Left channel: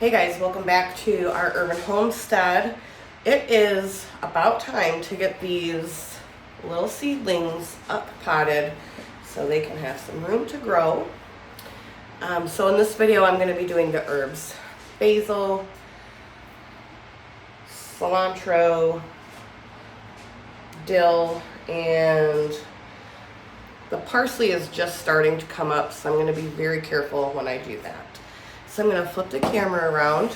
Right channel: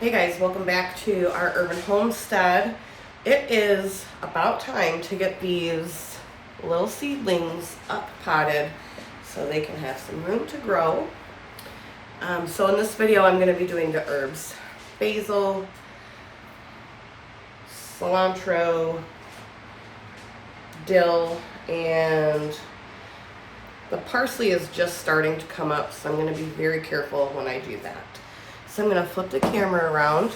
Hey guys, welcome back to our urban homestead. It is about time to get these little seedlings up potted so they can have some room to grow. So in this video I'm going to be doing the herbs. Basil, cilantro, dill, and the parsley is just starting to come up, so I'm going to be very careful when I do that. So I'm going to flip the camera around.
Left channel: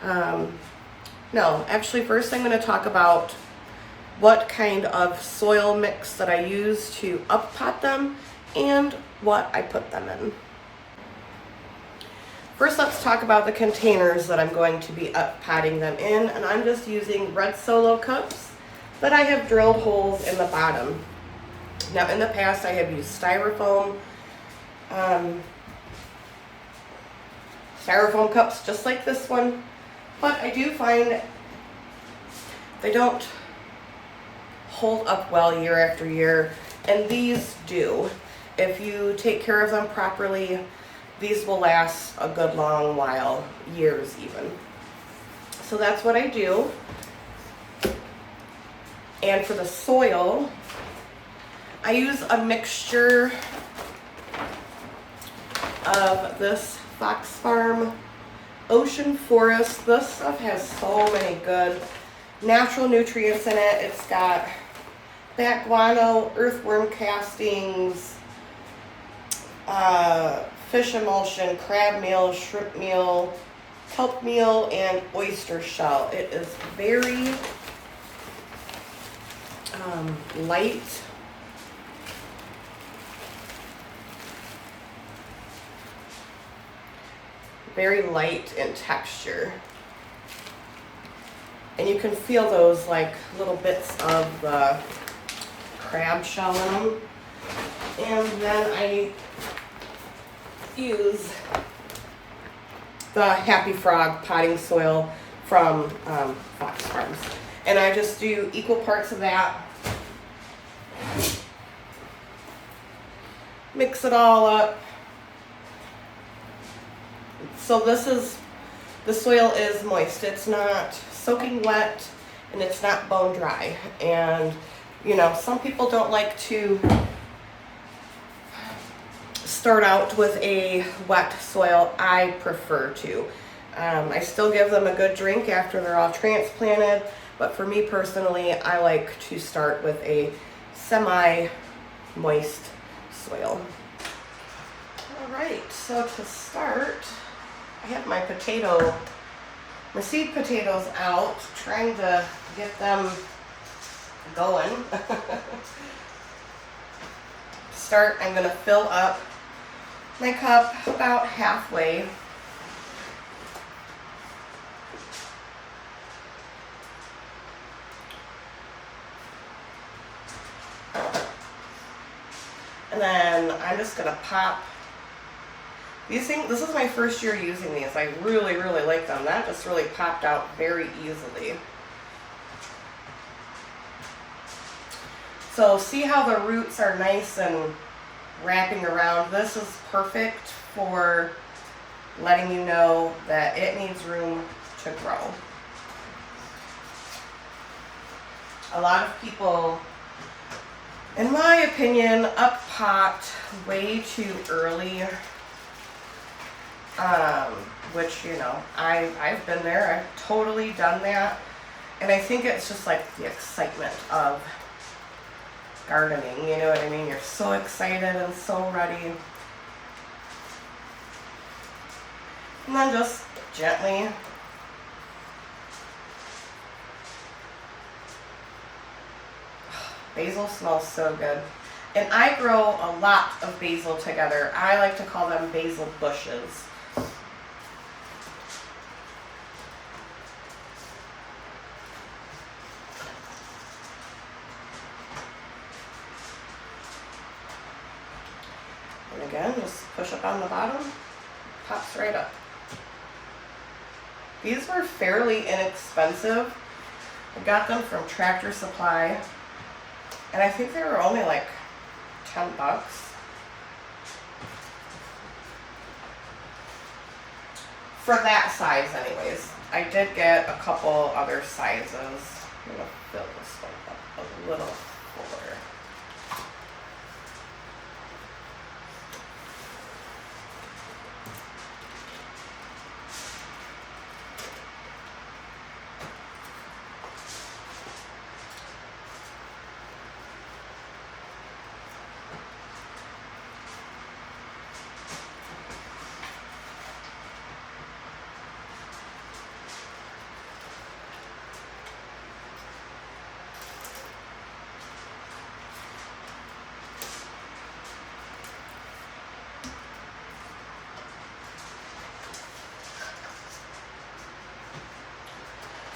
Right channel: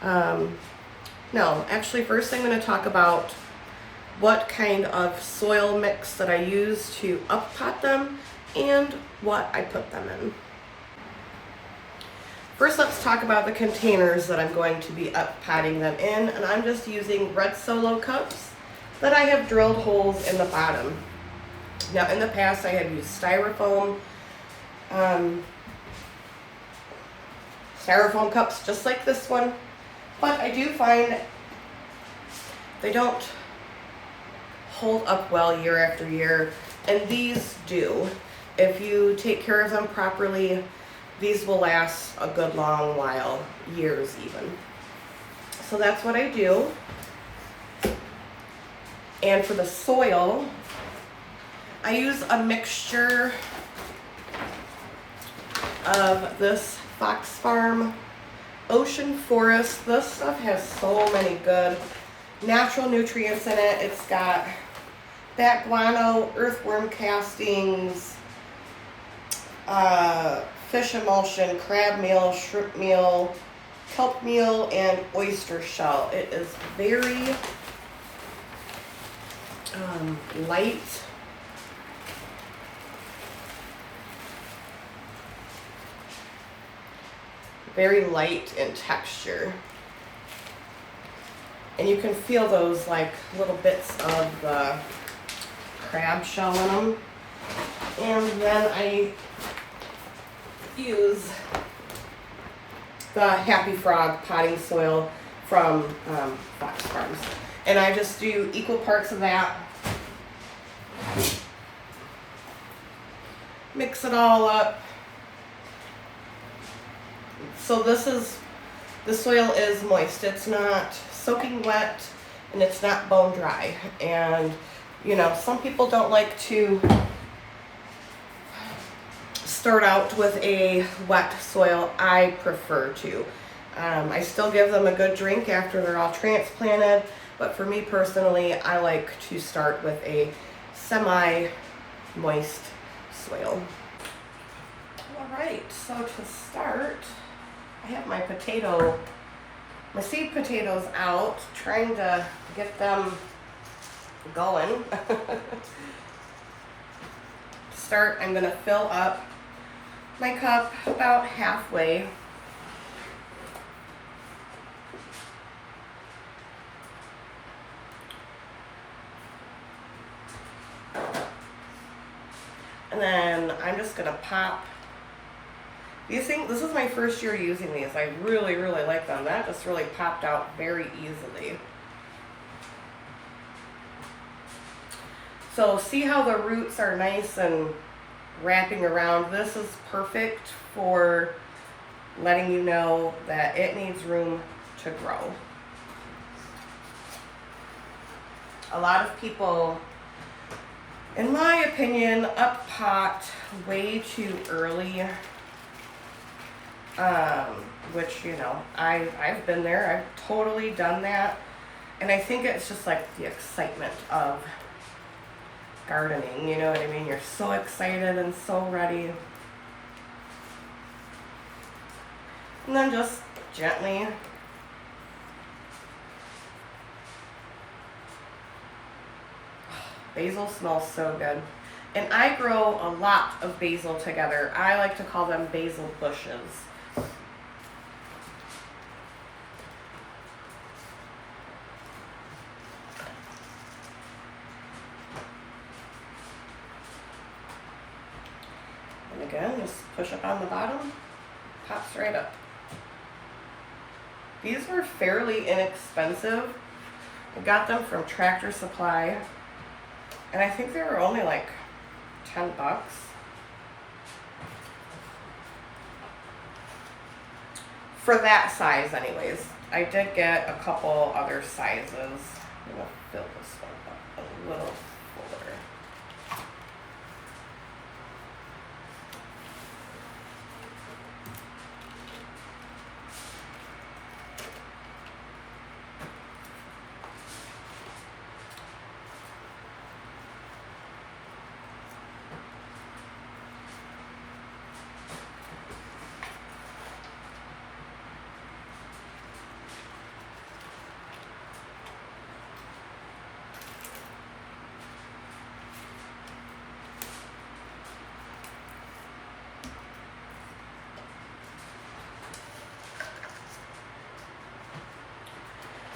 No, actually first I'm going to talk about what kind of soil mix that I use to up pot them and what I put them in. First, let's talk about the containers that I'm going to be up potting them in, and I'm just using red Solo cups, but I have drilled holes in the bottom. Now in the past I have used styrofoam cups just like this one, but I do find they don't hold up well year after year, and these do. If you take care of them properly, these will last a good long while, years even. So that's what I do. And for the soil, I use a mixture of this Fox Farm Ocean Forest. This stuff has so many good natural nutrients in it. It's got bat guano, earthworm castings, fish emulsion, crab meal, shrimp meal, kelp meal, and oyster shell. It is very light. Very light in texture. And you can feel those like little bits of the crab shell in them. And then I use the Happy Frog potting soil from Fox Farms. And I just do equal parts of that. Mix it all up. So the soil is moist. It's not soaking wet and it's not bone dry. And you know, some people don't like to start out with a wet soil. I prefer to. I still give them a good drink after they're all transplanted, but for me personally, I like to start with a semi-moist soil. All right, so to start, I have my seed potatoes out, trying to get them going. To start, I'm going to fill up my cup about halfway. And then I'm just going to pop these things. This is my first year using these. I really, really like them. That just really popped out very easily. So see how the roots are nice and wrapping around? This is perfect for letting you know that it needs room to grow. A lot of people, in my opinion, up pot way too early. Which, you know, I've been there. I've totally done that. And I think it's just like the excitement of gardening, you know what I mean? You're so excited and so ready. And then just gently basil smells so good. And I grow a lot of basil together. I like to call them basil bushes. And again, just push up on the bottom, pops right up. These were fairly inexpensive. I got them from Tractor Supply, and I think they were only like 10 bucks. for that size anyways. I did get a couple other sizes. I'm gonna fill this one up a little fuller.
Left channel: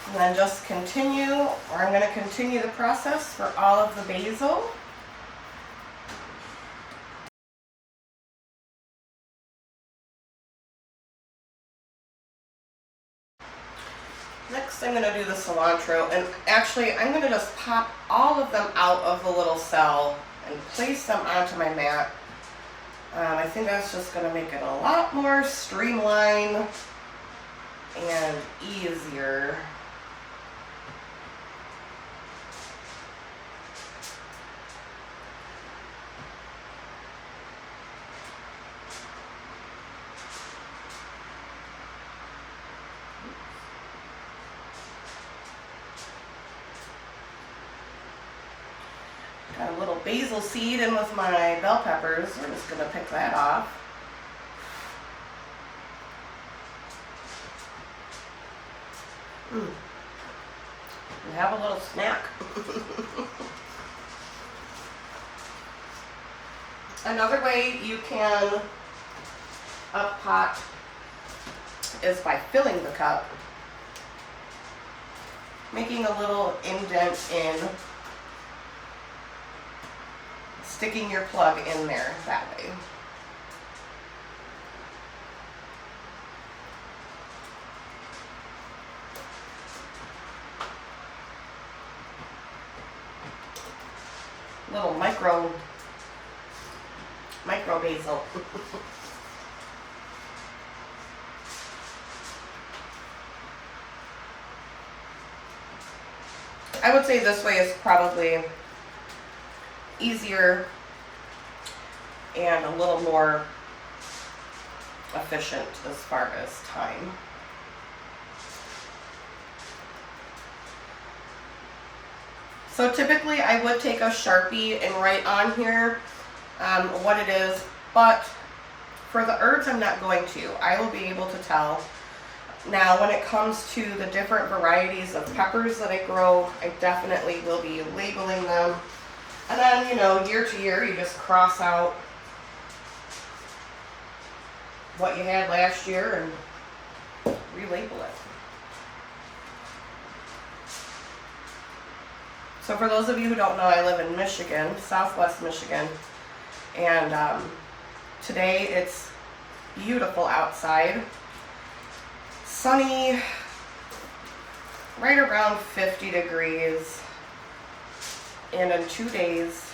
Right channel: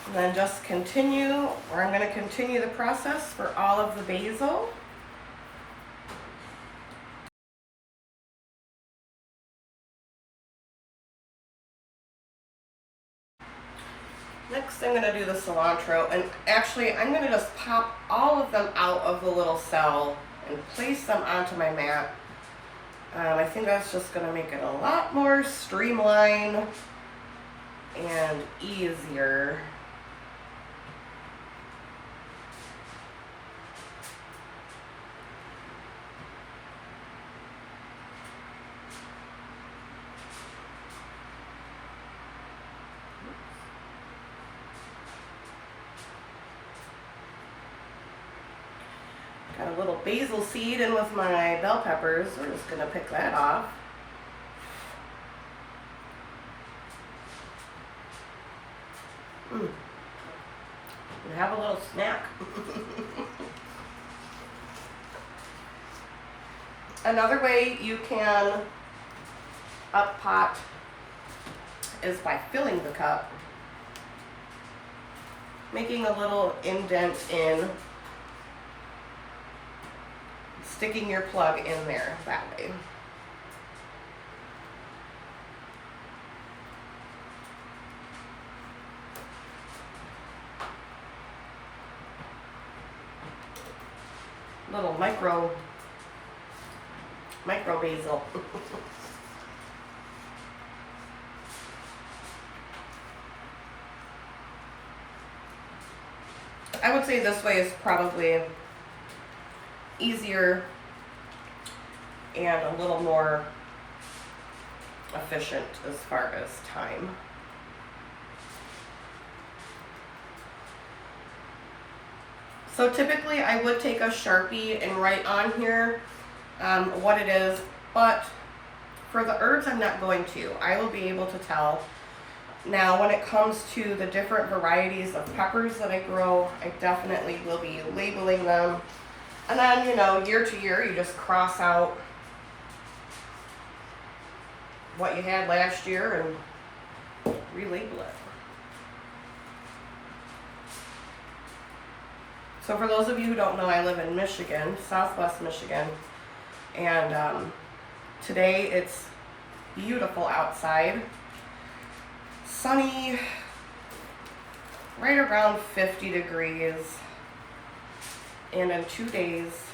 And then just continue, or I'm going to continue the process for all of the basil. Next I'm going to do the cilantro, and actually I'm going to just pop all of them out of the little cell and place them onto my mat. I think that's just going to make it a lot more streamlined and easier. Got a little basil seed in with my bell peppers. We're just going to pick that off. And have a little snack. Another way you can up pot is by filling the cup, making a little indent in, sticking your plug in there that way. Little micro basil. I would say this way is probably easier and a little more efficient as far as time. So typically I would take a Sharpie and write on here what it is, but for the herbs I'm not going to. I will be able to tell. Now when it comes to the different varieties of peppers that I grow, I definitely will be labeling them. And then, you know, year to year, you just cross out what you had last year and relabel it. So for those of you who don't know, I live in Michigan, Southwest Michigan, and today it's beautiful outside. Sunny, right around 50 degrees. And in 2 days,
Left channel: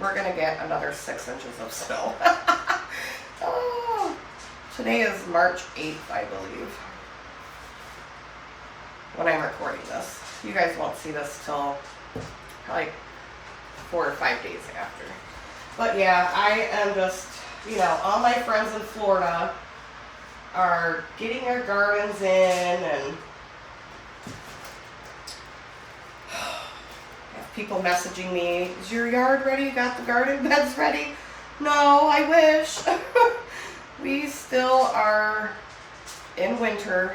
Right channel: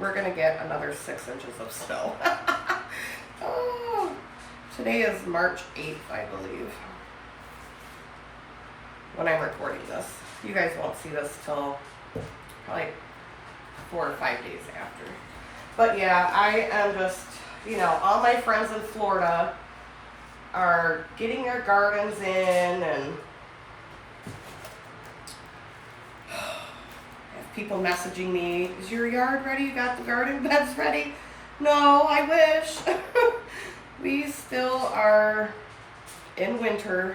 we're going to get another 6 inches of snow. Oh, today is March 8th, I believe, when I'm recording this. You guys won't see this till probably 4 or 5 days after. But yeah, I am just, you know, all my friends in Florida are getting their gardens in, and people messaging me, is your yard ready? You got the garden beds ready? No, I wish. We still are in winter.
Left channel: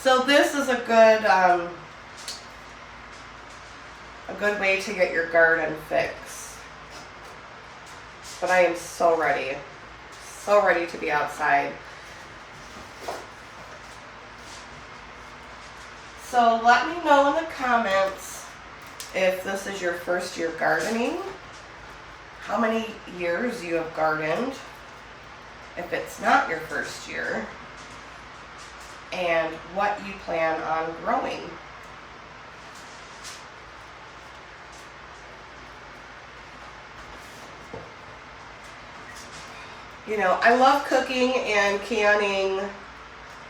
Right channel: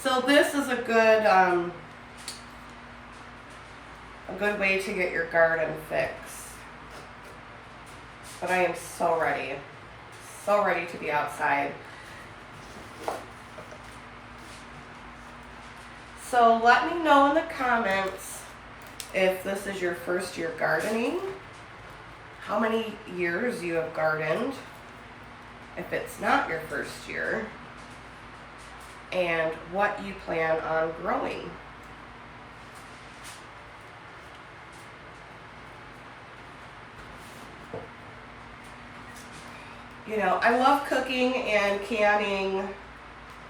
So this is a good way to get your garden fixed. But I am so ready to be outside. So let me know in the comments if this is your first year gardening, how many years you have gardened, if it's not your first year, and what you plan on growing. You know, I love cooking and canning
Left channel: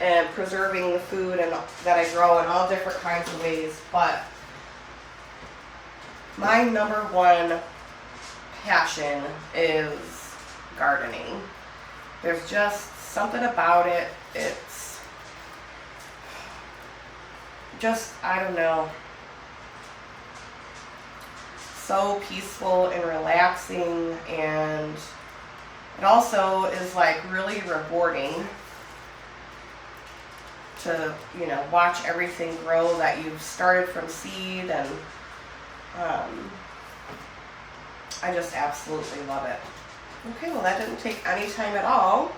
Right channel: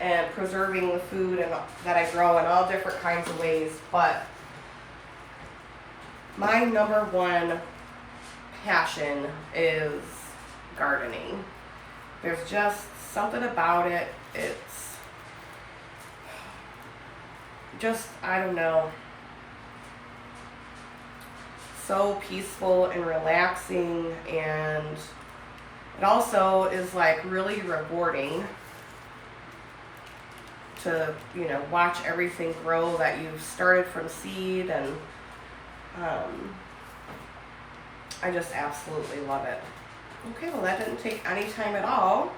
and preserving the food and that I grow in all different kinds of ways. But my number one passion is gardening. There's just something about it. It's just, I don't know, so peaceful and relaxing, and it also is like really rewarding to, you know, watch everything grow that you've started from seed, and I just absolutely love it. Okay, well that didn't take any time at all.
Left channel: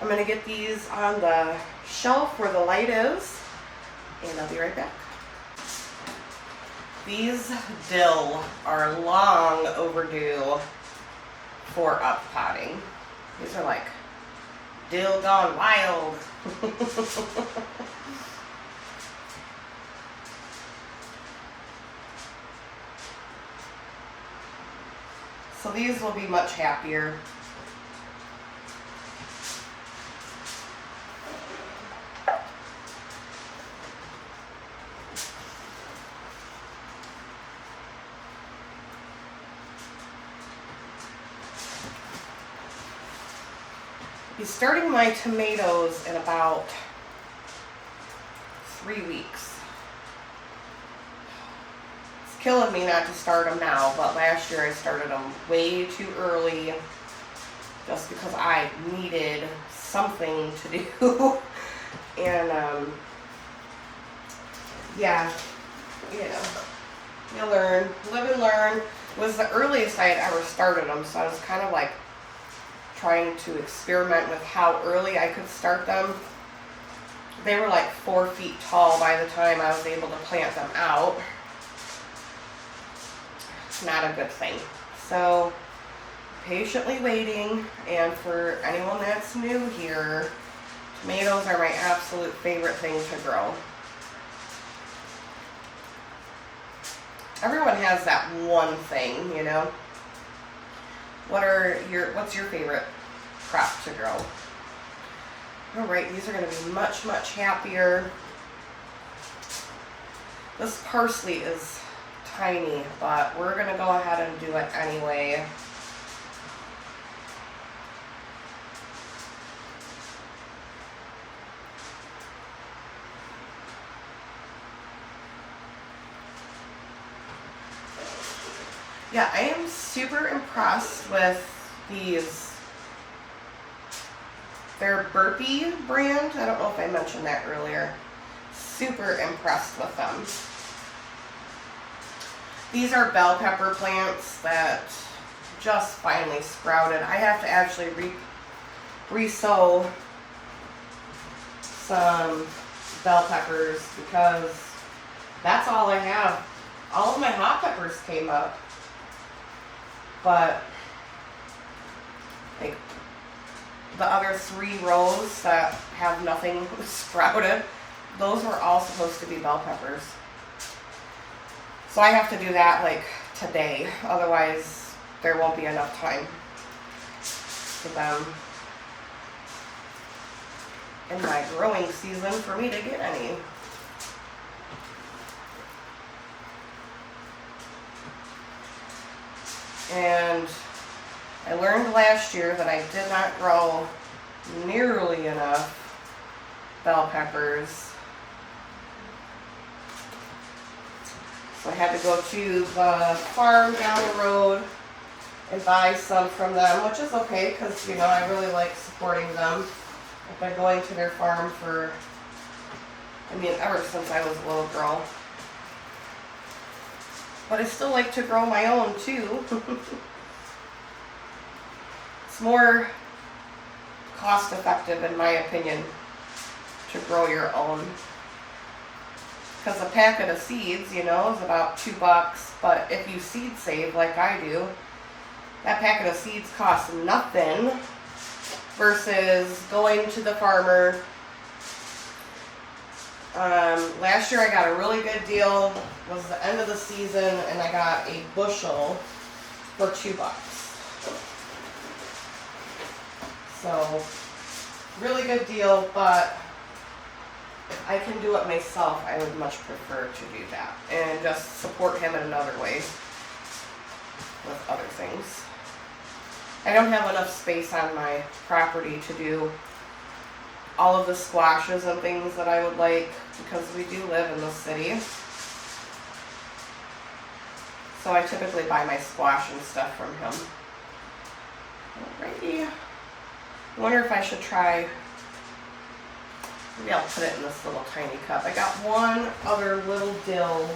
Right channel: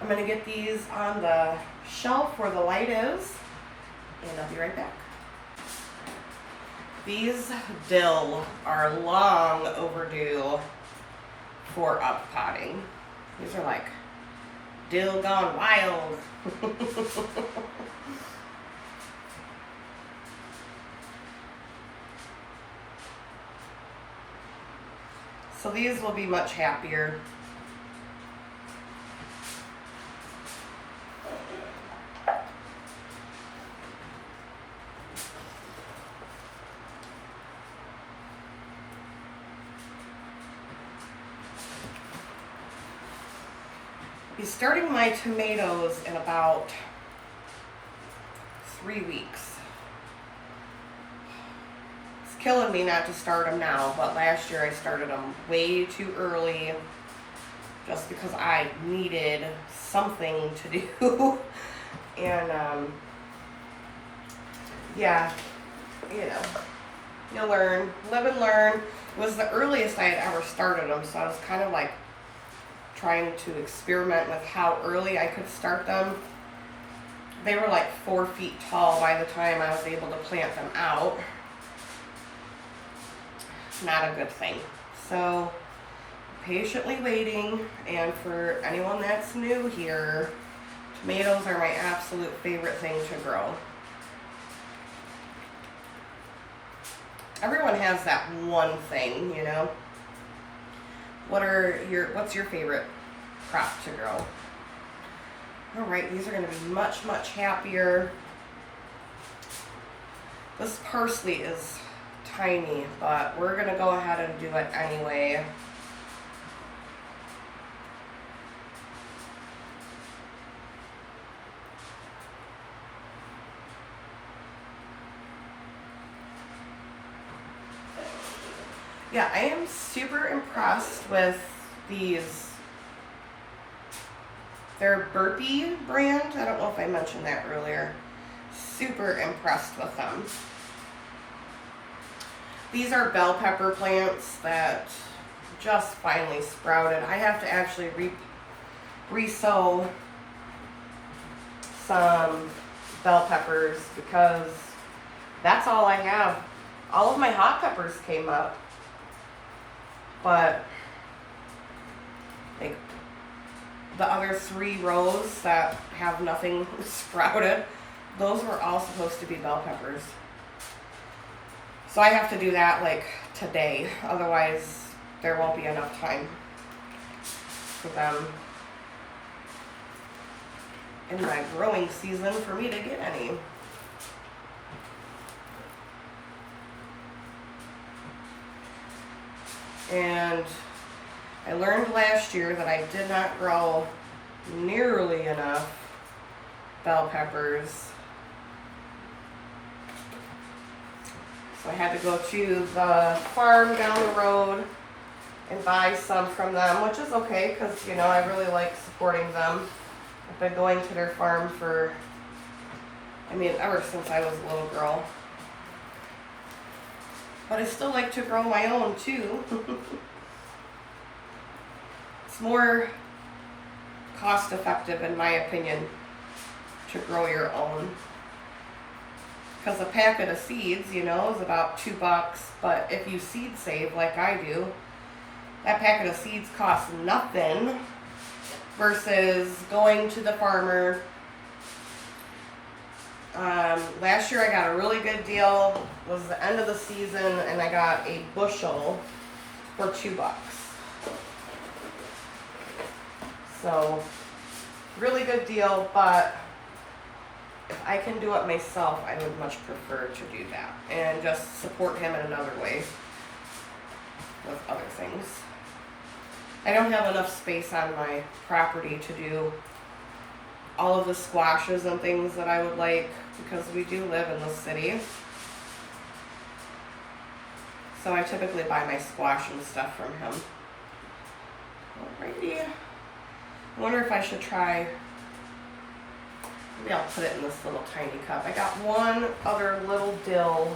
I'm gonna get these on the shelf where the light is, and I'll be right back. These dill are long overdue for uppotting. These are like dill gone wild. So these will be much happier. I'll be starting my tomatoes in about 3 weeks. Killing me not to start them now, but last year I started them way too early just because I needed something to do. And yeah, you know, you learn, live and learn. It was the earliest I had ever started them, so I was kind of like trying to experiment with how early I could start them. They were like 4 feet tall by the time I was able to plant them out. Not a good thing. So patiently waiting. And for anyone that's new here, tomatoes are my absolute favorite thing to grow. Everyone has that one thing, you know. What's your favorite crop to grow? All right, these are going to be much, much happier. This parsley is tiny, but we're gonna go ahead and do it anyway. Yeah, I am super impressed with these. They're Burpee brand. I don't know if I mentioned that earlier. Super impressed with them. These are bell pepper plants that just finally sprouted. I have to actually re-sow some bell peppers because that's all I have. All of my hot peppers came up, but like the other 3 rows that have nothing sprouted, those were all supposed to be bell peppers. So I have to do that like today, otherwise there won't be enough time for them in my growing season for me to get any. And I learned last year that I did not grow nearly enough bell peppers. So I had to go to the farm down the road and buy some from them, which is okay because, you know, I really like supporting them. I've been going to their farm for, I mean, ever since I was a little girl. But I still like to grow my own too. It's more cost effective, in my opinion, to grow your own. Because a packet of seeds, you know, is about $2. But if you seed save like I do, that packet of seeds costs nothing versus going to the farmer. Last year I got a really good deal. It was the end of the season and I got a bushel for $2. So really good deal, but if I can do it myself, I would much prefer to do that and just support him in another way with other things. I don't have enough space on my property to do all of the squashes and things that I would like because we do live in the city. So I typically buy my squash and stuff from him. Alrighty. I wonder if I should try, maybe I'll put it in this little tiny cup. I got one other little dill.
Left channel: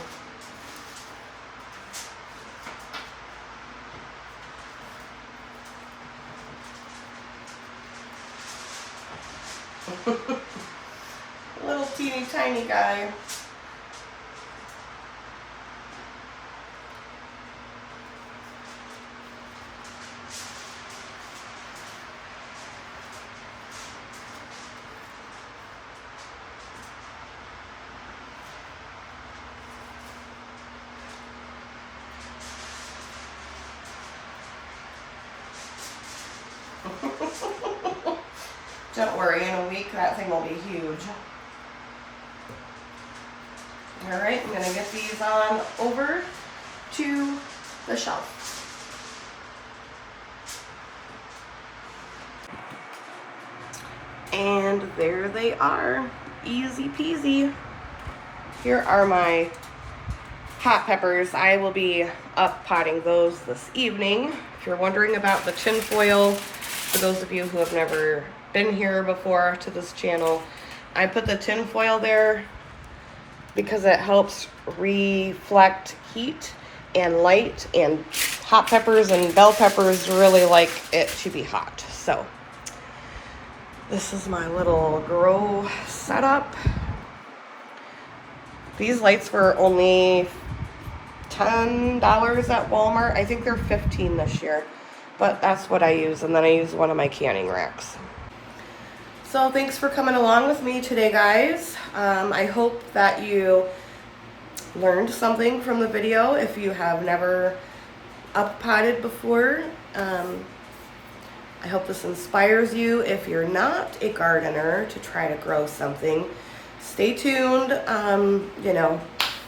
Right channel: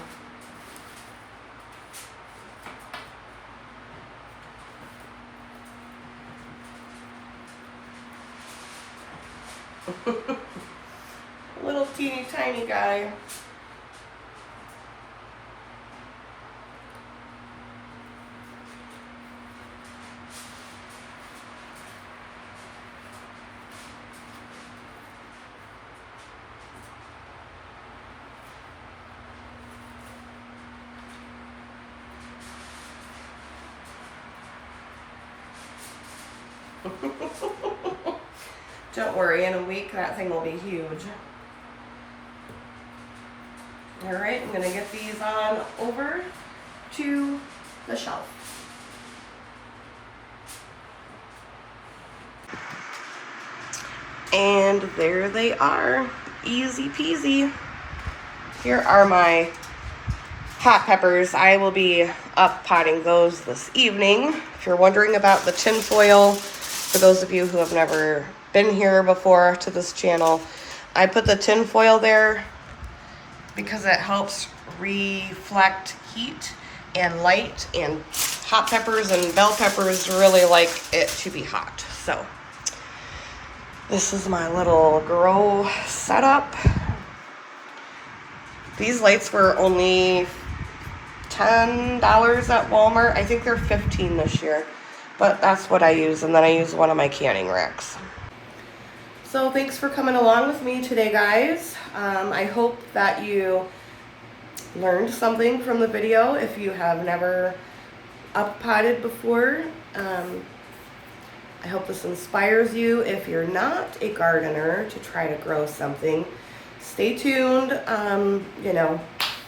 Little teeny tiny guy. Don't worry, in a week that thing will be huge. Alright, I'm gonna get these on over to the shelf. And there they are, easy peasy. Here are my hot peppers. I will be up potting those this evening. If you're wondering about the tin foil, for those of you who have never been here before to this channel, I put the tin foil there because it helps reflect heat and light, and hot peppers and bell peppers really like it to be hot. So this is my little grow setup. These lights were only $10 at Walmart. I think they're $15 this year, but that's what I use, and then I use one of my canning racks. So thanks for coming along with me today, guys. I hope that you learned something from the video if you have never up potted before. I hope this inspires you if you're not a gardener to try to grow something. Stay tuned. You know,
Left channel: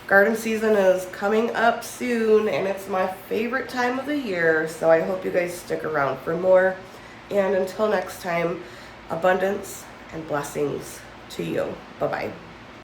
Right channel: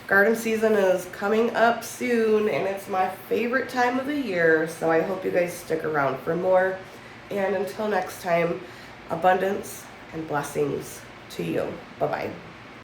garden season is coming up soon, and it's my favorite time of the year, so I hope you guys stick around for more. And until next time, abundance and blessings to you. Bye-bye.